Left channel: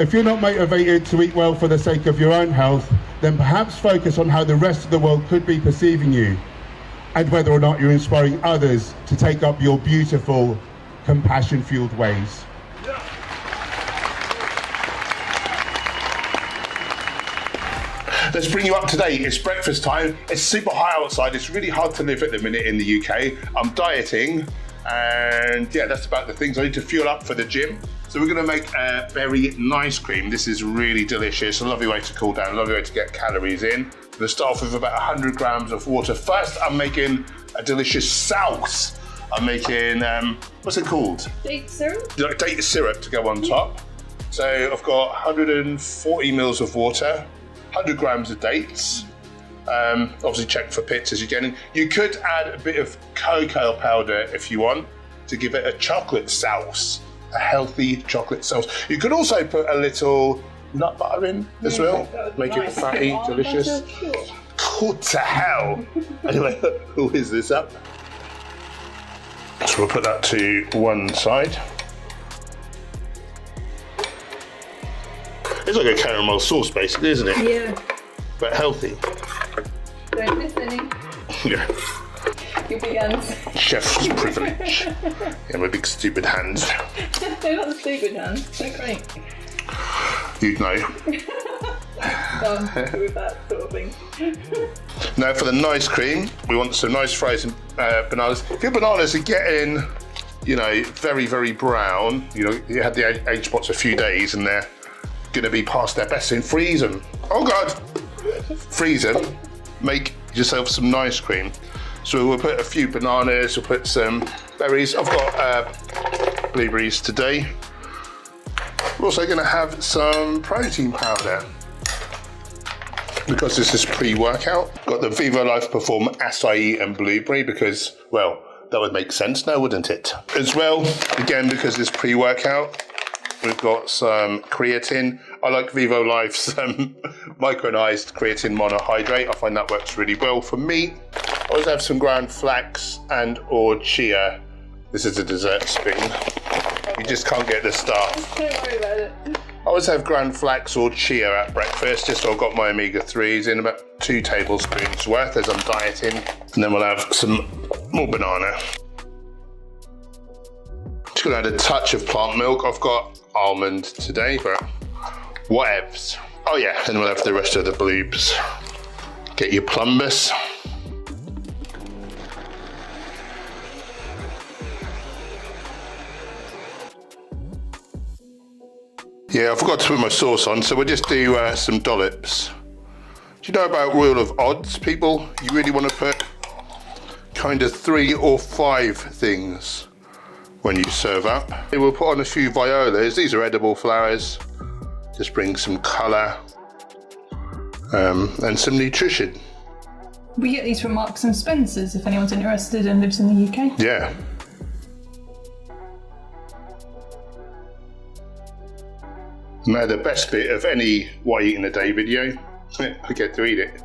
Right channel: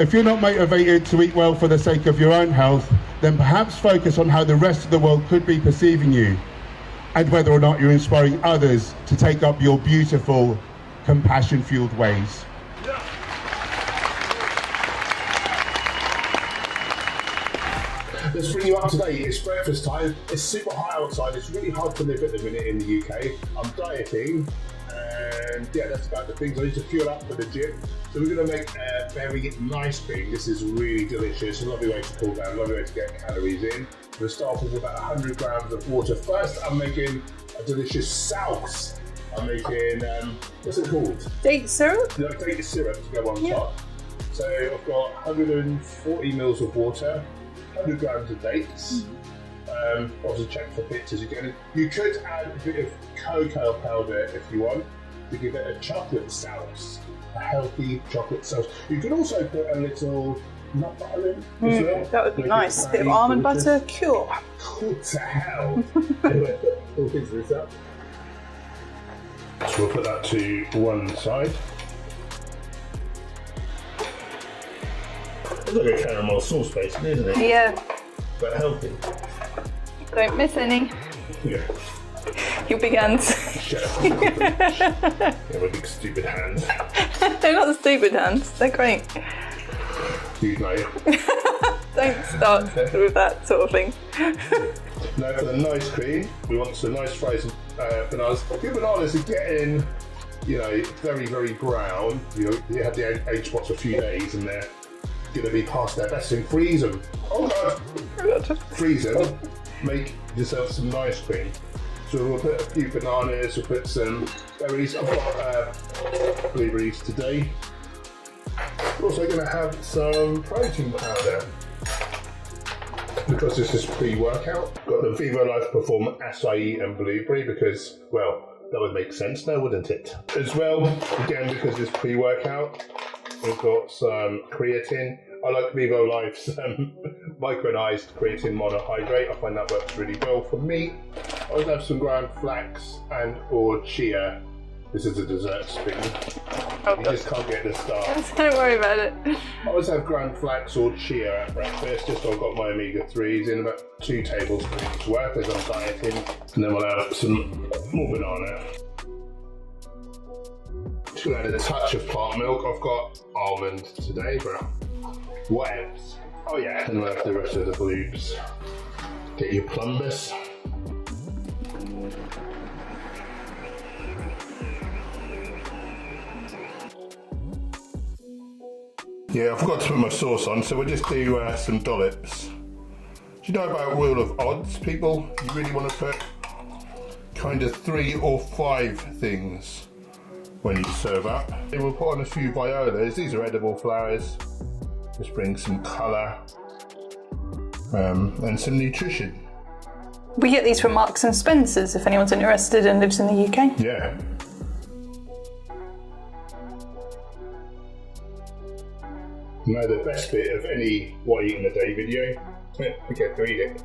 If you're not motivated to eat well for the sake of your own health, then perhaps focus on how the rest of the world could be perceiving you, and whether or not you're inspiring others to take up your beautiful, compassion-fueled ways. Let's bring you up to date. It's breakfast time. It's super hot outside. It's really hard to live at the minute in the UK. I'm dieting, and yeah, that's about the things. I need to fuel up for the gym. So we're gonna make a berry nice cream. This is really delicious, a lovely way to cool down, a lovely way to get calories in. I'm gonna start off with about 100 grams of water. First, I'm making a delicious sauce. I'm making, what's it called? Date syrup? Like date syrup to go on top. So I've got 140 mils of water, 100 grams of dates. Obviously check for pits as you're getting. You could add a bit of cocoa powder if you want to give it a chocolate sauce, a healthy chocolate sauce. You could also put a little nut butter in as well. That would be Make nice. it A bit fatty, of almond delicious. butter, cool. Good to hell. Anyway, we'll whiz this up. So we'll put that to one side. It's like a caramel sauce basically, isn't it? Yeah. But healthy. Don't miss any. Yeah. Your big hands. Chef's privilege. Yeah, my big stupid hands. They're not the stupid hands. They're great. You know. Don't start with that sort of thing. Now for the nice cream, we want some nice frozen bananas. If your bananas are getting, you know, very, very brown, you know, you had the age spots a few days and they're gonna be past their best, so freeze them. Oh God! Freeze them, make yourself some nice cream. So we'll put a few bananas, we'll put some berries. I've got blueberries today. We're also gonna have some protein powder, because this is pre-workout. Got the Vivo Life Perform acai and blueberry because, well, that would make sense now, wouldn't it? As well, again, because it's pre-workout, we've got some creatine. I like Vivo Life's micronized creatine monohydrate. I find that works really well for me. I also have some ground flax and or chia. This is a dessert spoon. You just can't get the stuff. Don't worry about it. I always have ground flax or chia at breakfast, just so I've got my omega-3s in, about 2 tablespoons worth as I'm dieting. And then we'll have some more banana. Just gonna add a touch of plant milk. I've got almond today, but whatevs. Oh yeah, and we'll have the rest of the bloobs. Get your plumbus. Yeah, I forgot to put my sauce on, so we'll just do some dollops. Do you know about rule of odds, people? You really want to put kind of 3 or 5 things when you serve up. We'll put on a few violas. These are edible flowers. Just bring some colour and some nutrition. We get these from Marks and Spencer's if anyone's interested and lives in the UK. Yeah. Now the best bit of any what I eat in a day video, I get to eat it.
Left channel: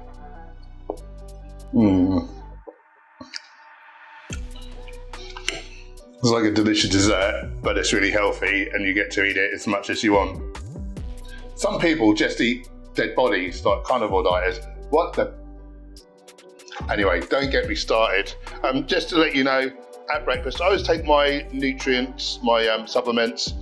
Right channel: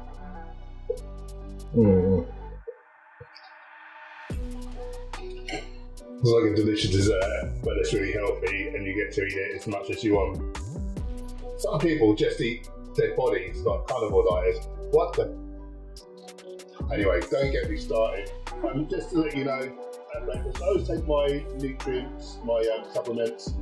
It's like a delicious dessert, but it's really healthy and you get to eat it as much as you want. Some people just eat dead bodies, like carnivore dieters. What the? Anyway, don't get me started. Just to let you know, at breakfast, I always take my nutrients, my supplements,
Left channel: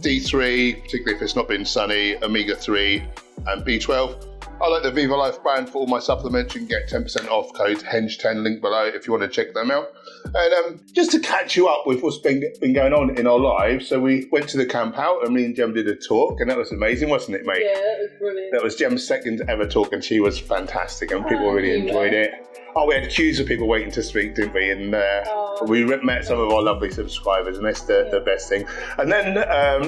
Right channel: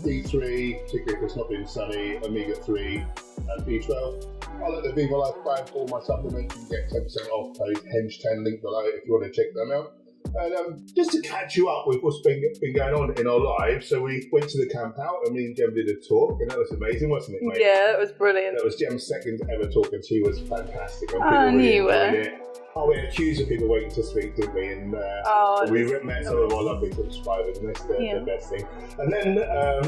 D3, particularly if it's not been sunny, omega-3 and B12. I like the Vivo Life brand for all my supplements. You can get 10% off, code HENGE10, link below if you want to check them out. And just to catch you up with what's been going on in our lives, so we went to the camp out and me and Jem did a talk, and that was amazing, wasn't it, mate? Yeah, it was brilliant. That was Jem's second ever talk, and she was fantastic, and people really enjoyed it. Oh, we had queues of people waiting to speak, didn't we? And we met some of our lovely subscribers, and that's the best thing. And then,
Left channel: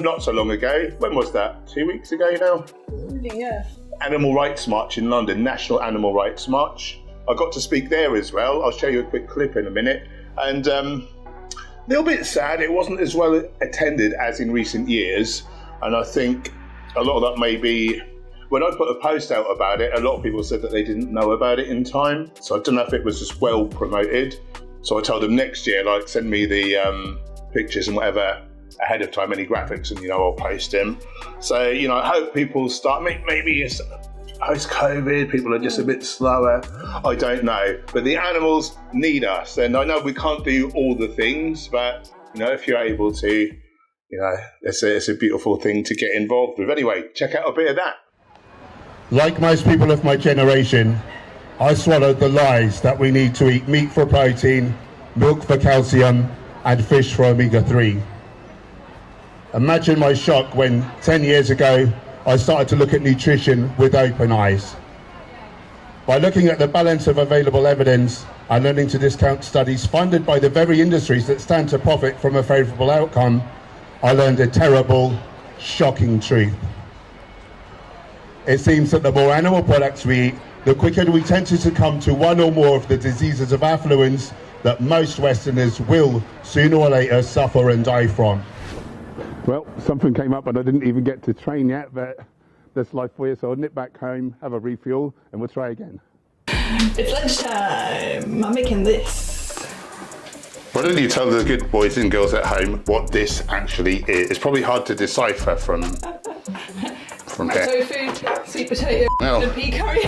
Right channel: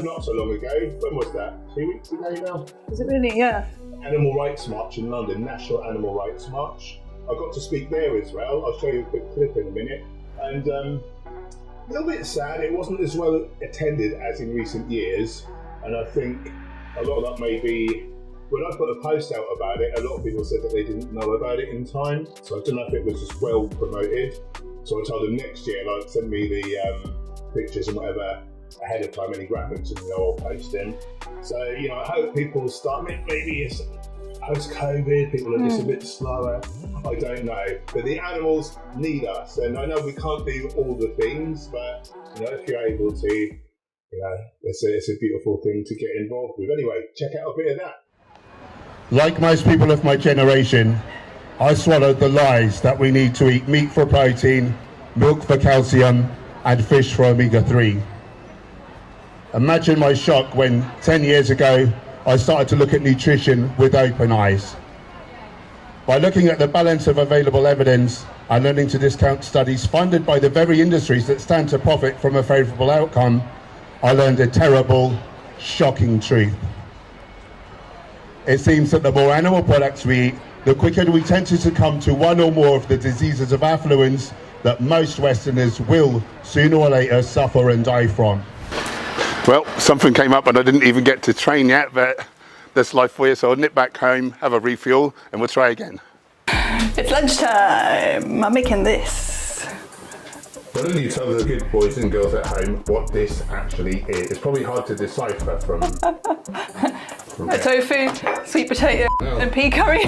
not so long ago, when was that? 2 weeks ago now? Was it really? Yeah. Animal Rights March in London, National Animal Rights March. I got to speak there as well. I'll show you a quick clip in a minute. And a little bit sad, it wasn't as well attended as in recent years. And I think a lot of that may be, when I put a post out about it, a lot of people said that they didn't know about it in time. So I don't know if it was as well promoted. So I told them next year, like, send me the pictures and whatever ahead of time any graphics, and I'll post them. So I hope people start. Maybe it's post-COVID, people are just a bit slower. I don't know, but the animals need us, and I know we can't do all the things, but if you're able to, it's a beautiful thing to get involved with. Anyway, check out a bit of that. Like most people of my generation, I swallowed the lies that we need to eat meat for protein, milk for calcium, and fish for omega-3. Imagine my shock when 10 years ago I started to look at nutrition with open eyes. By looking at the balance of available evidence and learning to discount studies funded by the very industries that stand to profit from a favourable outcome, I learned a terrible, shocking truth. It seems that the more animal products we eat, the quicker we tend to succumb to one or more of the diseases of affluence that most Westerners will, sooner or later, suffer and die from. Well, something came up and I didn't even get to train yet, but that's life for you. So I'll nip back home, have a refuel, and we'll try again. It's lunchtime. I'm making this. Why don't you tell the good boys and girls at home what this actually is? It's probably hard to decipher from here. Tofu, sweet potato, and pea curry.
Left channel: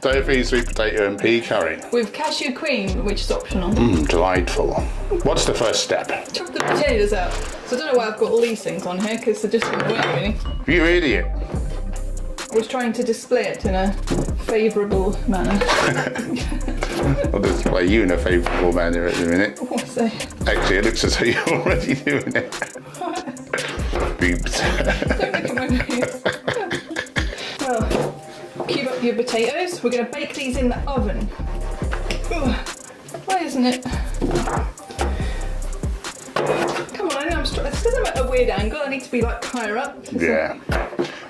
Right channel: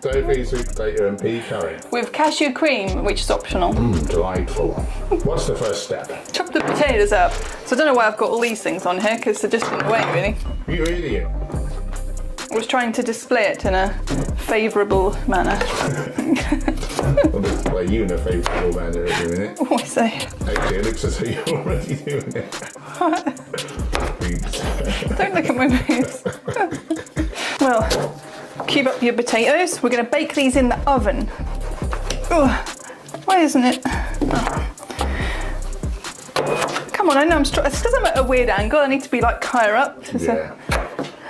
Tofu, sweet potato and pea curry. With cashew cream, which is optional. Delightful. What's the first step? Chop the potatoes up. So I don't know why I've got all these things on here, because they're just in the way, really. You idiot. I was trying to display it in a favourable manner. I'll display you in a favourable manner at the minute. What was I? Actually, it looks as though you're already doing it. What? Boobs. Don't look at my boobs. Well, cube up your potatoes. We're going to bake these in the oven. Ugh. Why isn't it? Come on, I know it's because I'm at a weird angle. I need to be like higher up. Yeah.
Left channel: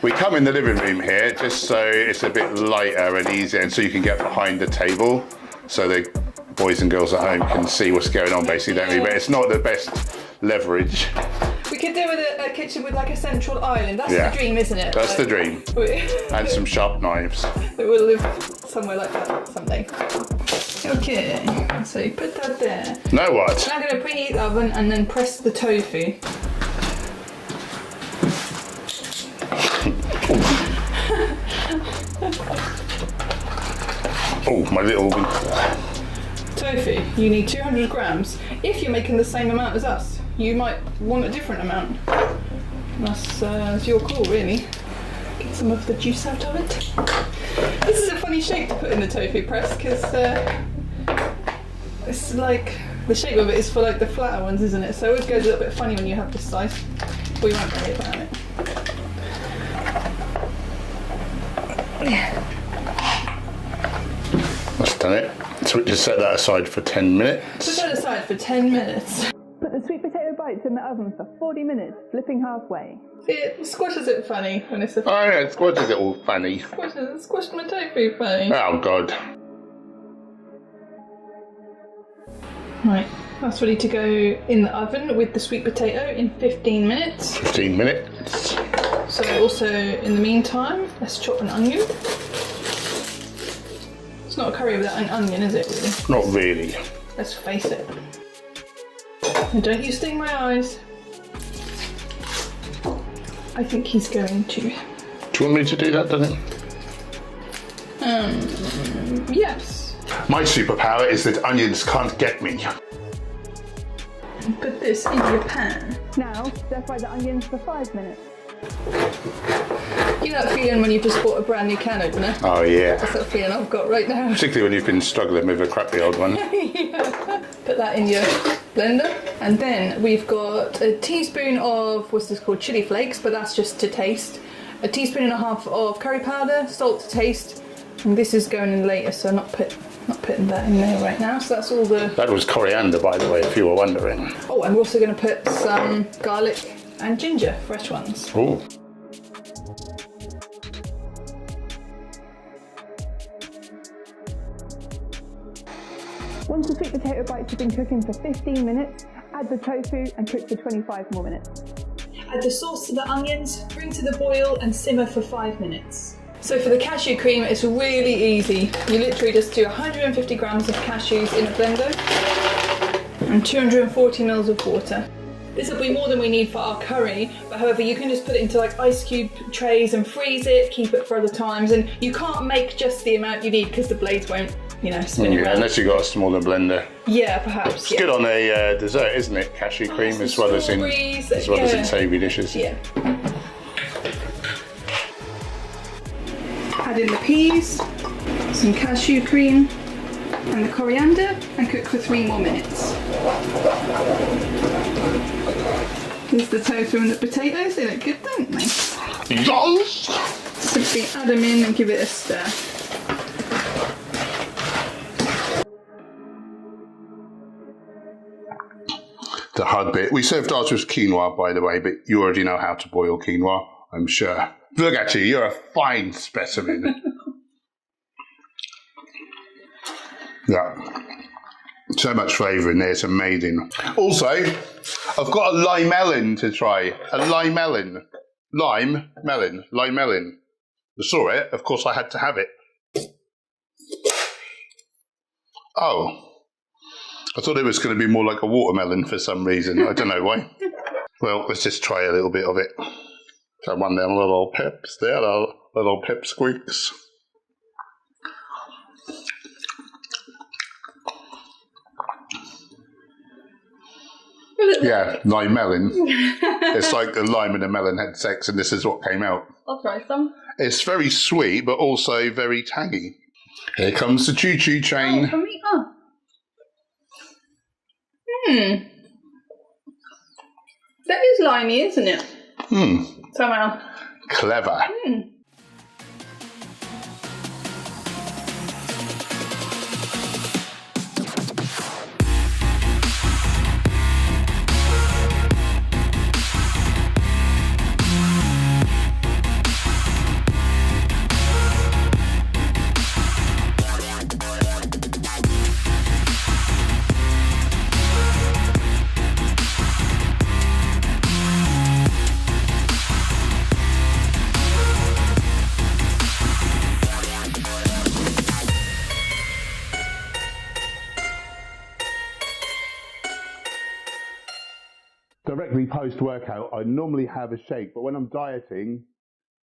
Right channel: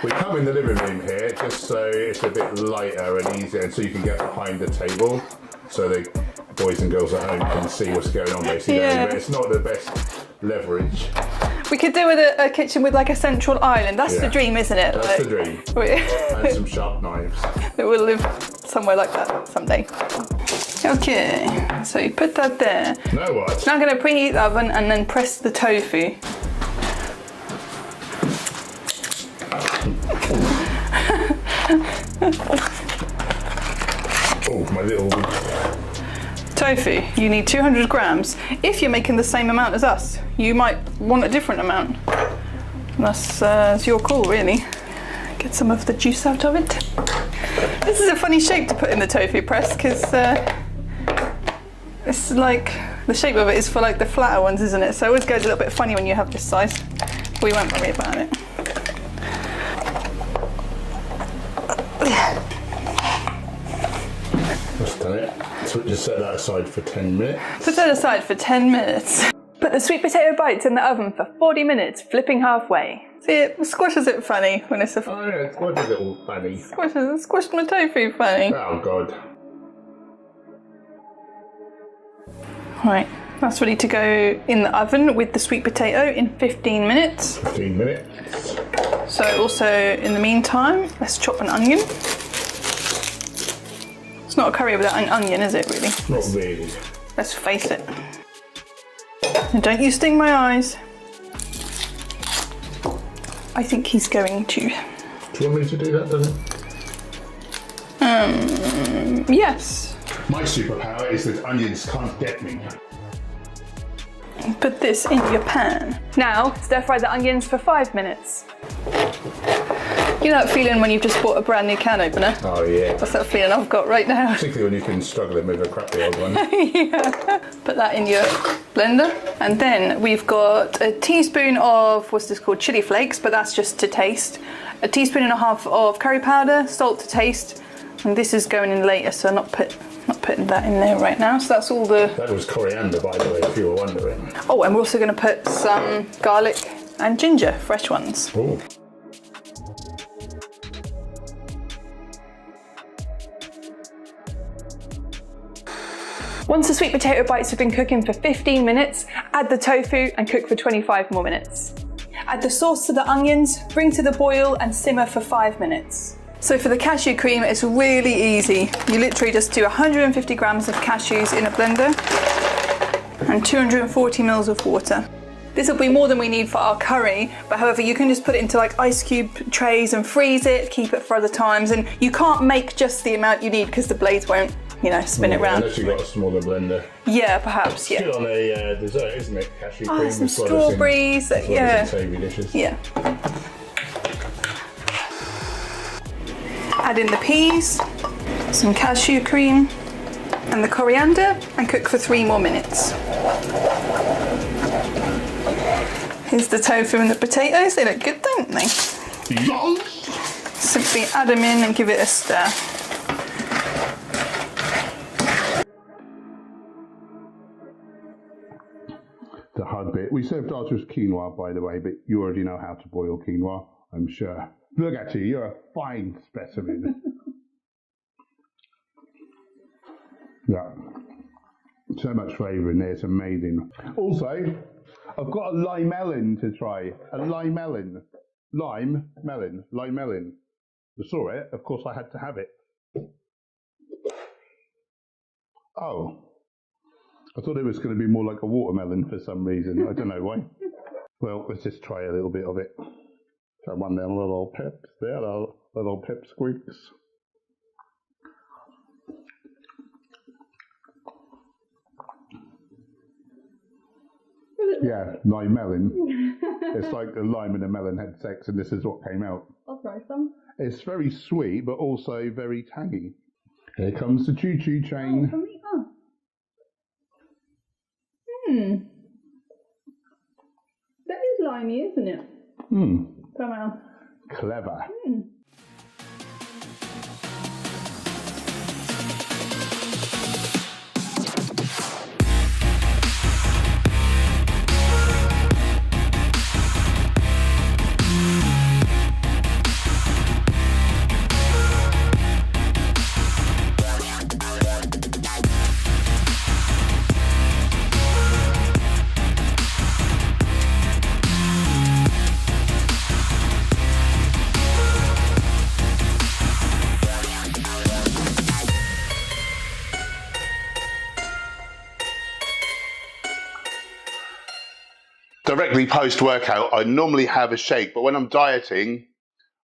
We come in the living room here just so it's a bit lighter and easier, and so you can get behind the table so the boys and girls at home can see what's going on basically. Yeah. But it's not the best leverage. We could do with a kitchen with like a central island. That's the dream, isn't it? That's the dream. And some sharp knives. We'll live somewhere like that someday. Okay, so you put that there. Now what? Now I'm going to preheat the oven and then press the tofu. Oh, my little... Tofu, you need 200 grams. If you're making the same amount as us, you might want a different amount. That's your call, really. Get some of the juice out of it. This is a funny shape to put in the tofu press, because it's like, the shape of it is for like the flatter ones, isn't it? So it always goes a little bit funny when you have this size. We won't worry about it. That's done it. So just set that aside for 10 minutes. Put that aside for 10 minutes. Put the sweet potato bites in the oven for 40 minutes, flipping halfway. See, it squashes it funny when it's a... Oh yeah, it squashes it all funny. Squashed my tofu funny. Oh God. Right, that's ready to go in the oven with the sweet potato in 15 minutes. 15 minutes. So also, in the meantime, let's chop an onion. It's not a curry without an onion, is it, really? Not really. Let's face it. And don't you sting my eyes. I think he's going to. Do you want me to do that, Danny? Yes. My superpower is that onions can't get me. Put this in your pan. Now, stir fry the onions for 5 minutes. You know that feeling when you've just bought a brand new can opener? Oh yeah. That's that feeling I've got right now. Particularly when you've been struggling with a crappy old one. Yeah. Put that in your blender. And then we've got a teaspoon of, what's this called, chili flakes, but that's just to taste. A teaspoon and a half of curry powder, salt to taste. And this is going in later, so I'm not putting that in there right now. So that's all the... That was coriander, by the way, if you were wondering. Oh, and we're also going to put some garlic and ginger, fresh ones. Oh. Once the sweet potato bites have been cooking for 15 minutes, add the tofu and cook for 25 more minutes. Add the sauce to the onions, bring to the boil and simmer for 5 minutes. So for the cashew cream, it's really easy. You literally just do 150 grams of cashews in a blender and 240 mils of water. This will be more than we need for our curry, but however, you can just put it into like ice cube trays and freeze it, keep it for other times, and you can't make just the amount you need because the blades won't, you know, spin it around. Unless you've got a smaller blender. Yeah, perhaps. It's yeah. good on a dessert, isn't it? Cashew cream as well as in savoury dishes. Yeah. Add in the peas, some cashew cream, and the coriander, and cook for 3 more minutes. Here's the tofu and the potatoes. They look good, don't they? Yes! Simply add them in and give it a stir. The hard bit. We served ours with quinoa, by the way, but you already know how to boil quinoa, I'm sure. Look at you, you're a fine specimen. Yeah. So much flavour in there, it's amazing. Also, I've got a lime melon to try. A lime melon. Lime melon. I saw it, of course I had to have it. Oh. I thought it was going to be more like a watermelon for some reason. I don't know why. Well, let's just try a little bit of it. So one of them little pips there, little pip squeaks. Yeah, lime melon. It's like the lime and the melon had sex and this is what came out. I'll try some. It's very sweet, but also very tangy. Here comes the choo-choo train. Oh, for me? Oh. That is limey, isn't it? Somehow. Clever. Directly post-workout, I normally have a shake, but when I'm dieting,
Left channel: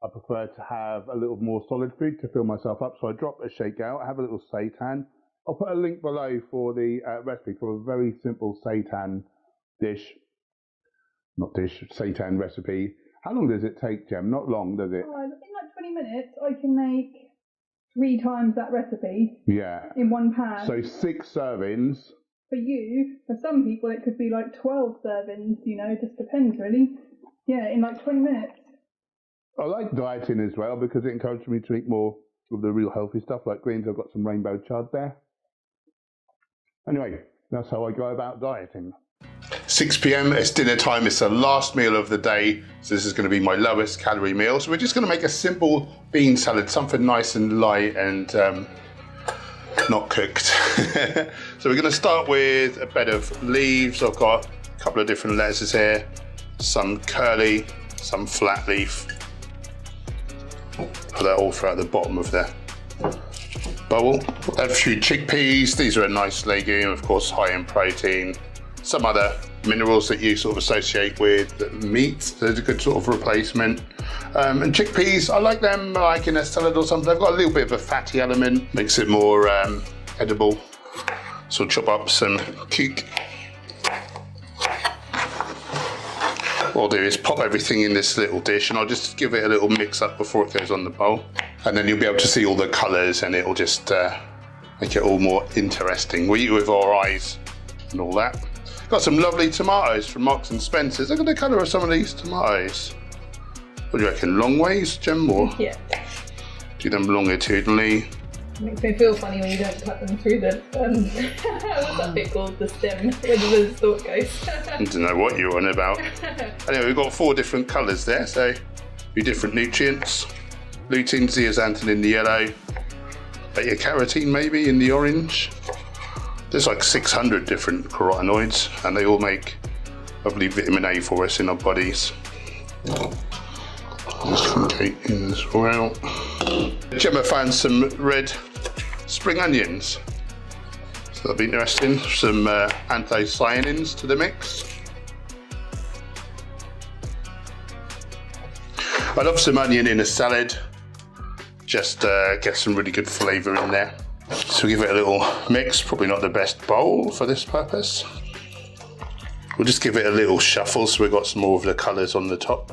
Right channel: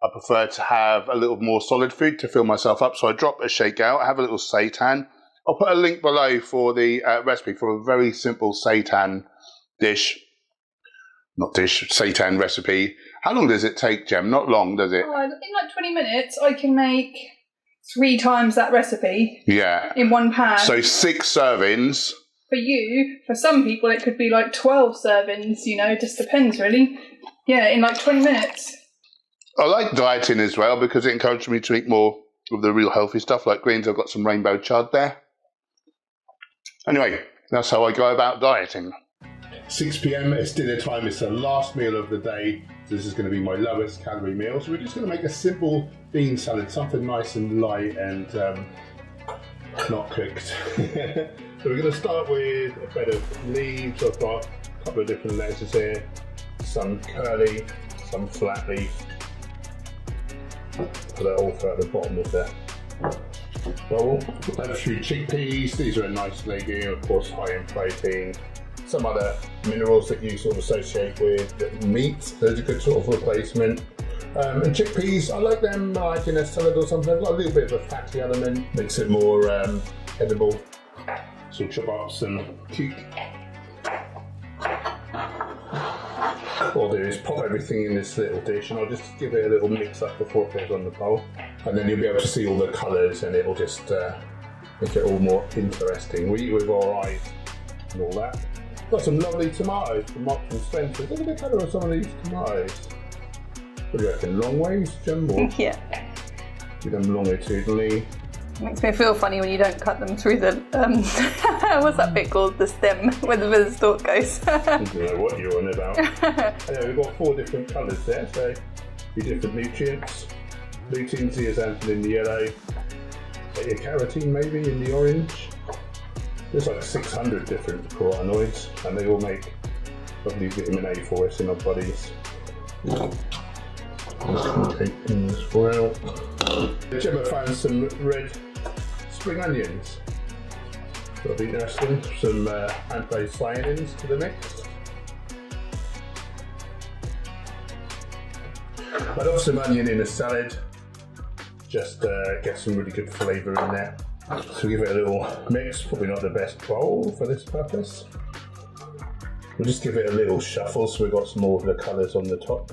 I prefer to have a little more solid food to fill myself up. So I drop a shake out, I have a little seitan. I'll put a link below for the recipe for a very simple seitan dish. Not dish, seitan recipe. How long does it take, Jem? Not long, does it? In like 20 minutes, I can make 3 times that recipe. Yeah. In one pan. So 6 servings. For you, for some people, it could be like 12 servings, you know, it just depends really. Yeah, in like 20 minutes. I like dieting as well because it encourages me to eat more of the real healthy stuff like greens. I've got some rainbow chard there. Anyway, that's how I go about dieting. 6 p.m, it's dinner time. It's the last meal of the day. So this is going to be my lowest calorie meal. So we're just going to make a simple bean salad, something nice and light and not cooked. So we're going to start with a bed of leaves. I've got a couple of different lettuces here, some curly, some flat leaf. Put that all throughout the bottom of the bowl. Add a few chickpeas. These are a nice legume, of course high in protein. Some other minerals that you sort of associate with meat. There's a good sort of replacement. And chickpeas, I like them like in a salad or something. They've got a little bit of a fatty element, makes it more edible. So chop up some cuke. What I'll do is pop everything in this little dish and I'll just give it a little mix up before it goes on the bowl. And then you'll be able to see all the colours and it'll just make it all more interesting. We eat with our eyes and all that. Got some lovely tomatoes from Marks and Spencer's. Look at the colour of some of these tomatoes. What do you reckon, long ways, Jem, or Yeah. do them longitudinally? It makes me feel funny when you don't cut them through the, what's that bit called? The stem, where the stalk goes. I don't know what you're on about. Anyway, we've got 4 different colours there, so a few different nutrients. Lutein, zeaxanthin in the yellow, beta-carotene maybe in the orange. There's like 600 different carotenoids and they all make lovely vitamin A for us in our bodies. Just okay in as well. Gemma found some red spring onions. So that'll be interesting. Some anthocyanins to the mix. I love some onion in a salad. Just get some really good flavour in there. So give it a little mix, probably not the best bowl for this purpose. We'll just give it a little shuffle so we've got some more of the colours on the top.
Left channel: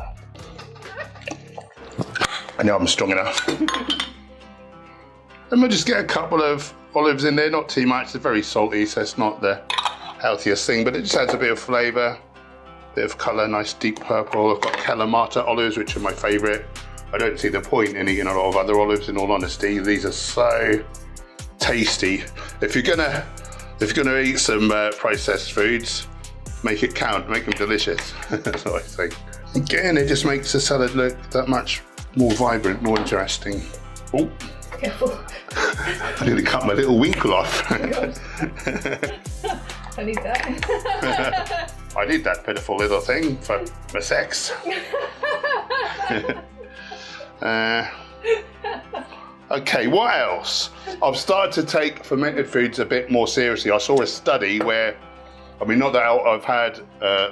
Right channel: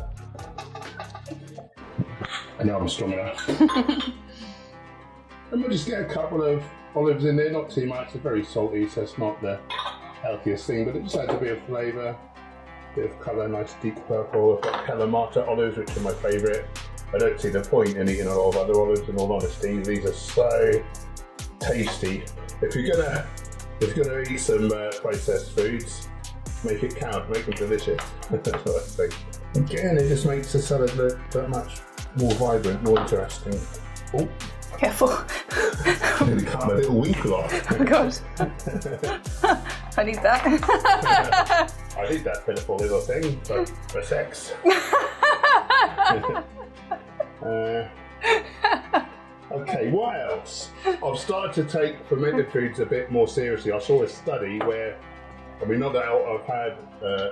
I know I'm strong enough. And we'll just get a couple of olives in there, not too much. They're very salty, so it's not the healthiest thing, but it just adds a bit of flavour, bit of colour, nice deep purple. I've got Kalamata olives, which are my favourite. I don't see the point in eating a lot of other olives, in all honesty. These are so tasty. If you're gonna eat some processed foods, make it count, make them delicious. That's what I think. Again, it just makes the salad look that much more vibrant, more interesting. Oh, Careful. I nearly cut my little winkle off. Oh God. I need that. I need that pitiful little thing for my sex. Okay, what else? I've started to take fermented foods a bit more seriously. I saw a study where, I mean, not that I've had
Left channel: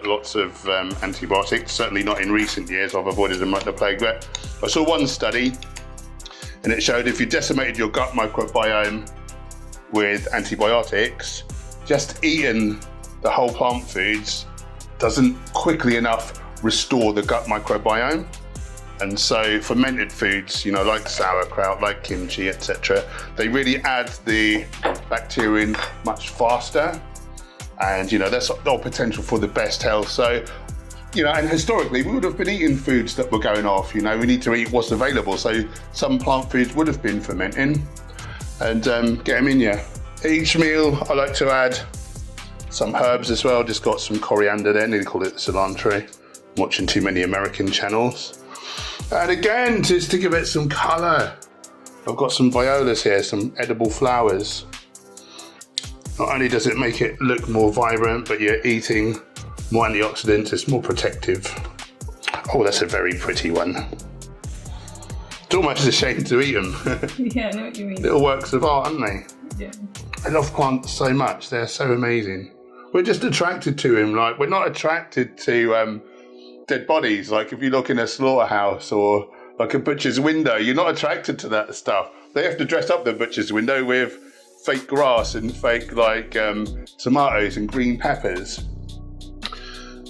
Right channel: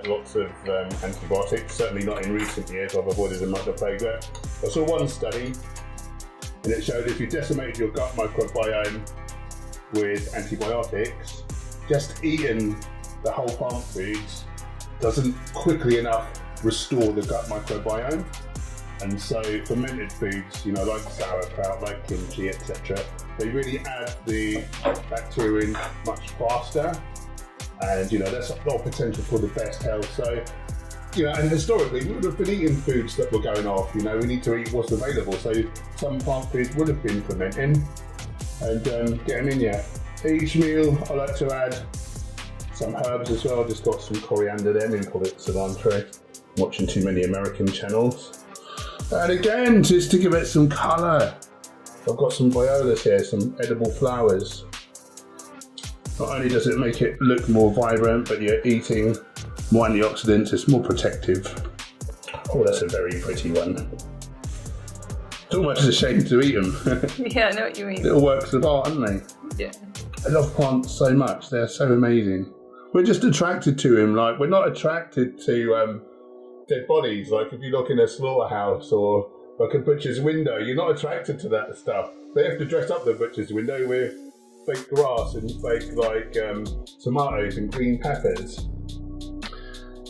lots of antibiotics, certainly not in recent years. I've avoided them like the plague, but I saw one study and it showed if you decimated your gut microbiome with antibiotics, just eating the whole plant foods doesn't quickly enough restore the gut microbiome. And so fermented foods, you know, like sauerkraut, like kimchi, etc., they really add the bacteria in much faster. And, you know, that's all potential for the best health. So, you know, and historically, we would have been eating foods that were going off. You know, we need to eat what's available. So some plant foods would have been fermenting and get them in you. Each meal, I like to add some herbs as well. Just got some coriander there, nearly call it cilantro. Watching too many American channels. And again, just to give it some colour, I've got some violas here, some edible flowers. Not only does it make it look more vibrant, but you're eating more antioxidants, it's more protective. Oh, that's a very pretty one. It's almost a shame to eat them. Yeah, I know what you mean. Little works of art, aren't they? Yeah. I love plants so much, they're so amazing. We're just attracted to them, like we're not attracted to dead bodies. Like if you look in a slaughterhouse or like a butcher's window, you're not attracted to that stuff. They have to dress up the butcher's window with fake grass and fake like tomatoes and green peppers.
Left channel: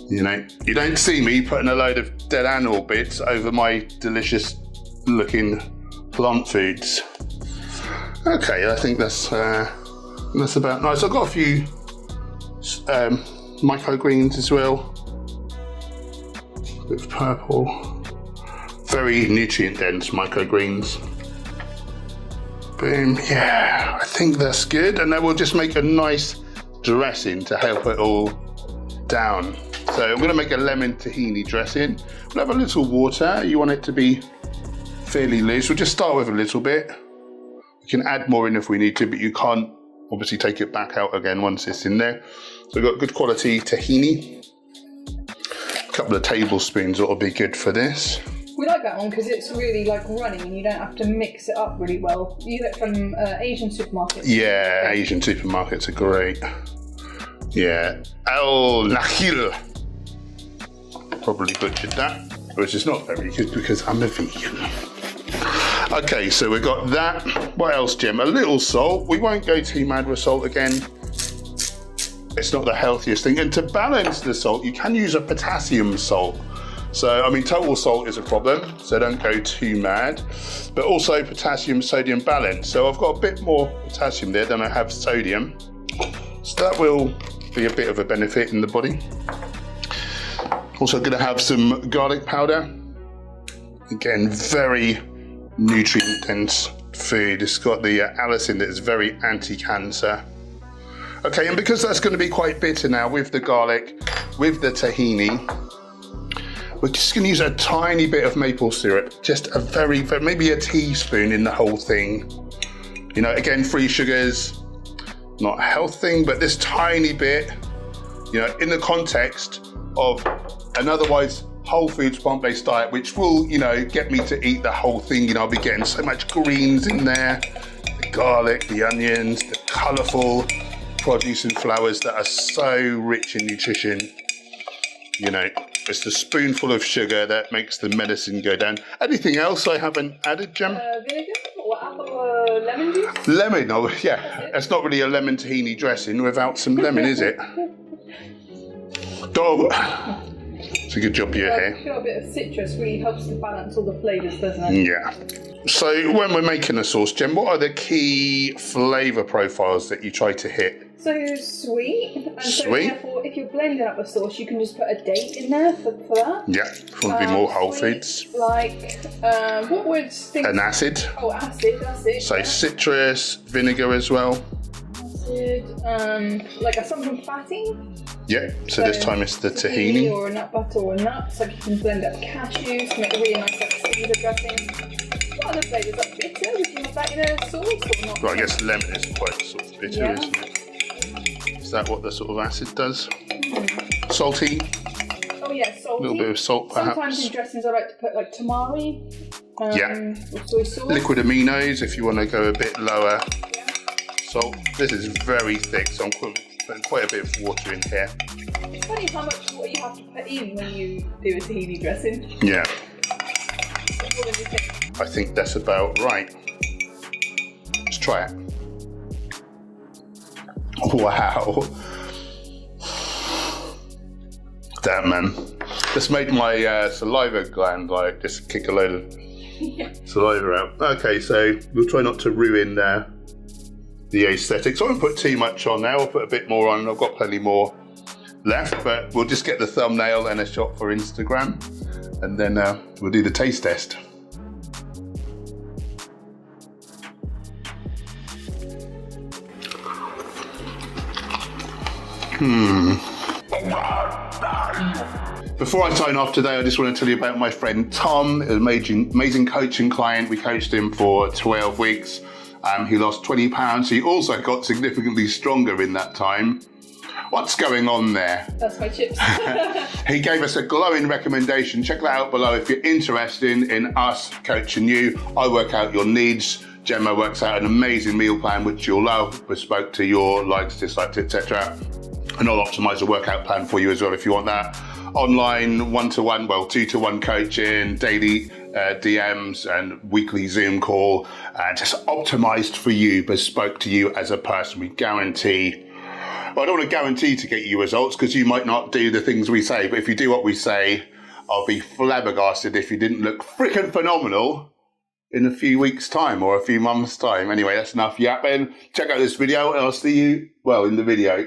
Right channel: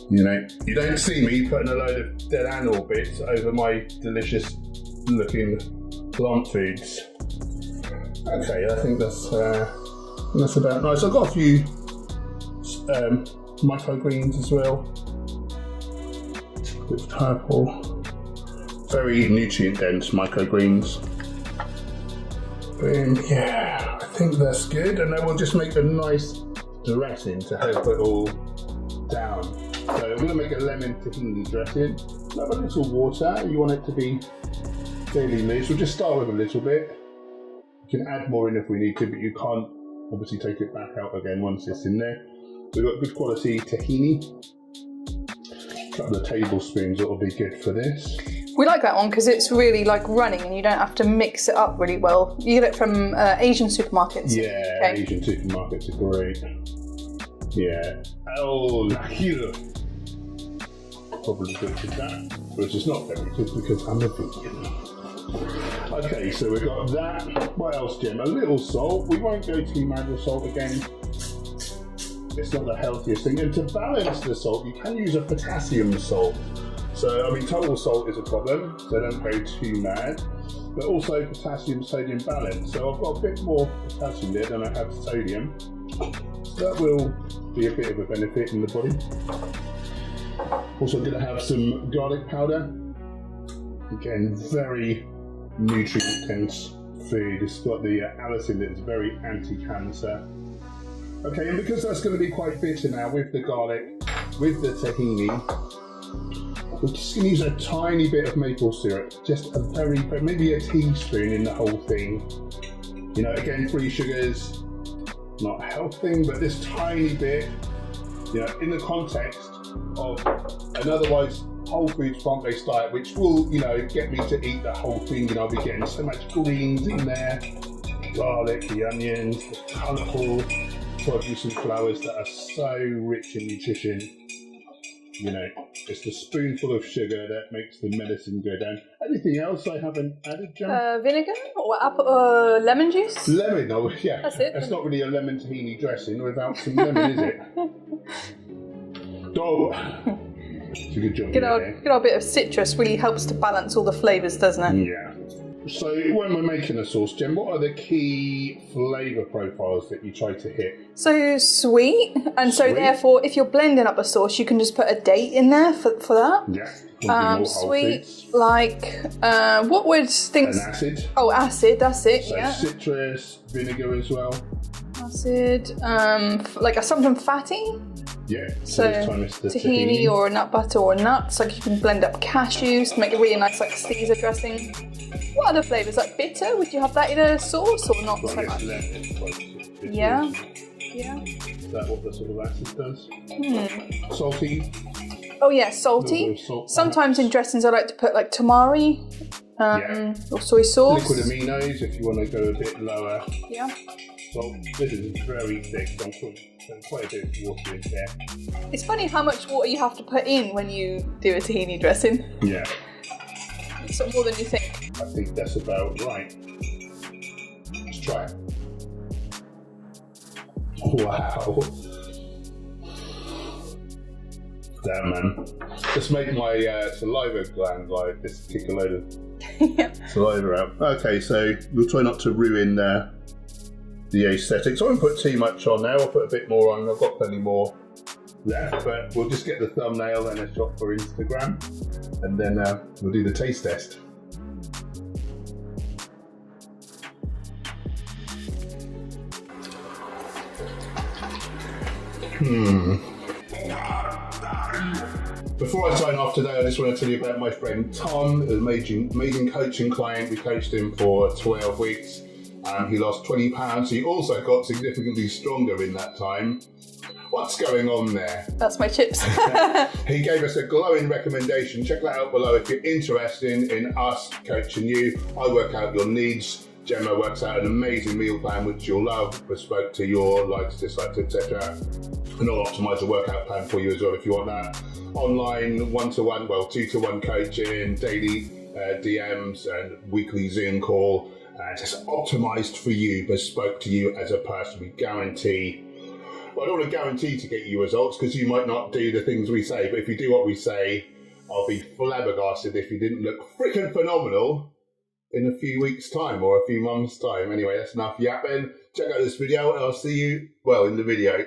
You know, you don't see me putting a load of dead animal bits over my delicious looking plant foods. Okay, I think that's about nice. I've got a few microgreens as well. With purple, very nutrient dense microgreens. Boom, yeah, I think that's good. And then we'll just make a nice dressing to help it all down. So I'm gonna make a lemon tahini dressing. We'll have a little water. You want it to be fairly loose. We'll just start with a little bit. We can add more in if we need to, but you can't obviously take it back out again once it's in there. So we've got good quality tahini. Couple of tablespoons ought to be good for this. We like that one because it's really like running and you don't have to mix it up really well. You get it from Asian supermarkets. Yeah, okay. Asian supermarkets are great. Yeah, El Nahil. Probably butchered that, which is not very good because I'm a vegan. Okay, so we've got that. What else, Jim? A little salt. We won't go too mad with salt again. It's not the healthiest thing. And to balance the salt, you can use a potassium salt. So, I mean, total salt is a problem, so don't go too mad. But also potassium, sodium balance. So I've got a bit more potassium there than I have sodium. So that will be a bit of a benefit in the body. Also gonna have some garlic powder. Again, very nutrient dense food. It's got the allicin that is very anti-cancer. Okay, and because that's going to be quite bitter now with the garlic, with the tahini, we're just going to use a tiny bit of maple syrup, just a very, maybe a teaspoon in the whole thing. You know, again, free sugars, not a health thing, but this tiny bit, you know, in the context of an otherwise whole foods plant-based diet, which will, you know, get me to eat the whole thing. You know, I'll be getting so much greens in there, the garlic, the onions, the colourful produce and flowers that are so rich in nutrition. You know, Just a spoonful of sugar that makes the medicine go down. Anything else I haven't added, Gem? Vinegar or apple, lemon juice? Lemon, oh yeah. That's it. It's not really a lemon tahini dressing without some lemon, is it? Dog. It's a good job you're here. A bit of citrus really helps to balance all the flavours, doesn't it? Yeah. So when we're making a sauce, Jem, what are the key flavour profiles that you try to hit? So sweet, and so Sweet. therefore if you're blending up a sauce, you can just put a date in there for that. Yeah, probably more whole Sweet, foods. Like, what would things... An acid. Oh, acid, that's it. So yeah. citrus, vinegar as well. Acid, like something fatty. Yeah, so this time it's the tahini. Or a nut butter or nuts, like you can blend up cashews to make a really nice like Caesar dressing. What other flavours, like bitter? Would you have that in a sauce or not? Well, I guess lemon is quite sort of bitter, Yeah. isn't it? Yeah. Is that what the sort of acid does? Salty? Oh yeah, salty. A little bit of salt, Sometimes perhaps. in dressings I like to put like tamari or soy sauce. Liquid aminos if you want to go a bit lower. Yeah. Salt. This is very thick, so I'm putting quite a bit of water in here. It's funny how much water you have to put in when you do a tahini dressing. Yeah, It's more than you think. I think that's about right. Let's try it. Wow. Damn, man. This made my saliva gland like just kick a load of saliva out. Okay, so we'll try not to ruin the aesthetics. I won't put too much on now. I'll put a bit more on. I've got plenty more left, but we'll just get the thumbnail and a shot for Instagram, and then we'll do the taste test. Before I sign off today, I just want to tell you about my friend Tom, an amazing coaching client. We coached him for 12 weeks. He lost 20 pounds. He also got significantly stronger in that time. What's going on there? That's my chips. He gave us a glowing recommendation. Check that out below if you're interested in us coaching you. I work out your needs. Gemma works out an amazing meal plan which you'll love, bespoke to your likes, dislikes, etc. And I'll optimize a workout plan for you as well if you want that. Online, one-to-one, well, two-to-one coaching, daily DMs and weekly Zoom call, just optimized for you, bespoke to you as a person. We guarantee, well, I don't want to guarantee to get you results because you might not do the things we say, but if you do what we say, I'll be flabbergasted if you didn't look freaking phenomenal in a few weeks' time or a few months' time. Anyway, that's enough yapping. Check out this video and I'll see you, well, in the video.